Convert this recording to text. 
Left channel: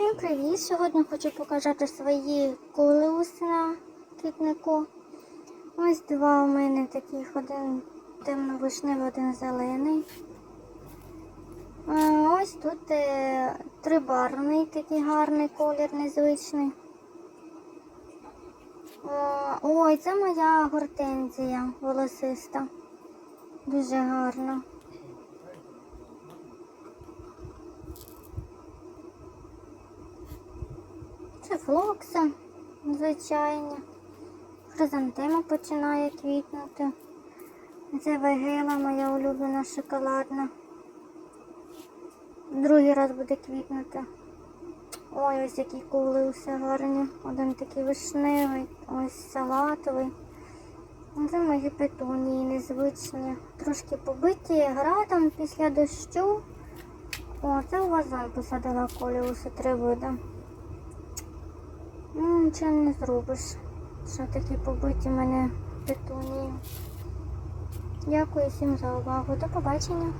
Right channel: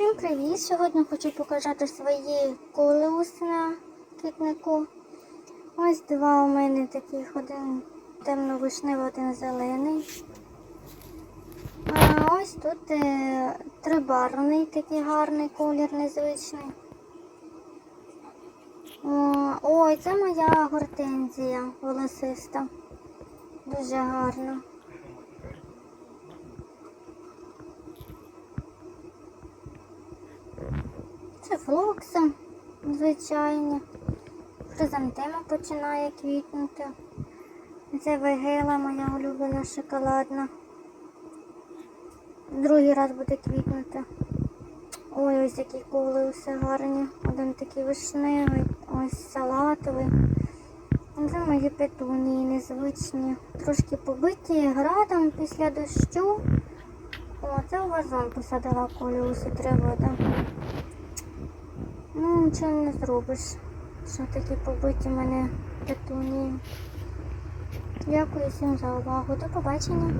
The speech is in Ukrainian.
Всім привіт! Сьогодні хочу показати свої колеуси на квітнику. Ось два у мене таких, один темно-вишневий, один зелений. А ось тут е, трибарний такий гарний колір, незвичний. Ой, це моя гортензія волосиста. Дуже гарна. Це флокса, звичайні. Хризантема починає квітнути. Це вегела моя улюблена шоколадна. Другий раз буде квітнути. Ой, ось які кули усе гарні. Один такий вишневий, ось салатовий. Це мої петунії незвичні. Трошки побиті градом після дощу. О, це у вазон посадила коліуси вода. Ну, нічого не зробиш. Що такі побиті мене петунії. Дякую всім за увагу. До побачення.